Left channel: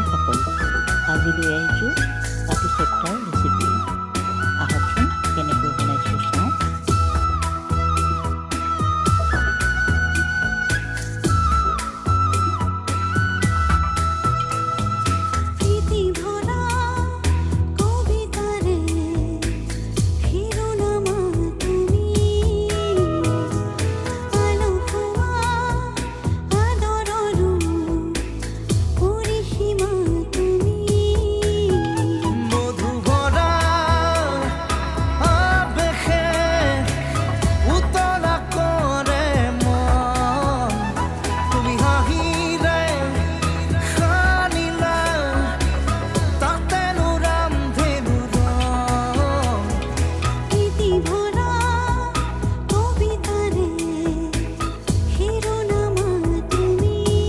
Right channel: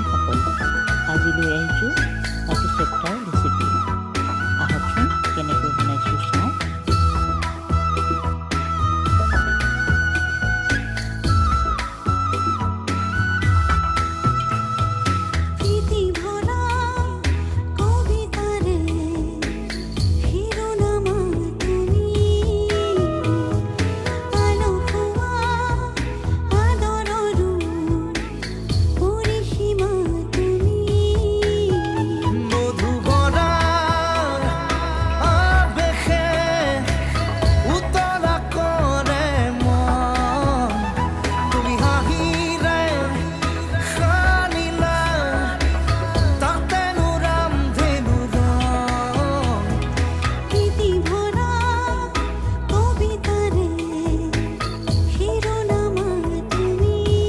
বন্ধুসকল, আজি লৈ আহিছোঁ পাটিচেপ্টাৰ ৰেচিপি। আহকচোন কেনেকৈ বনাইছোঁ চাওঁ।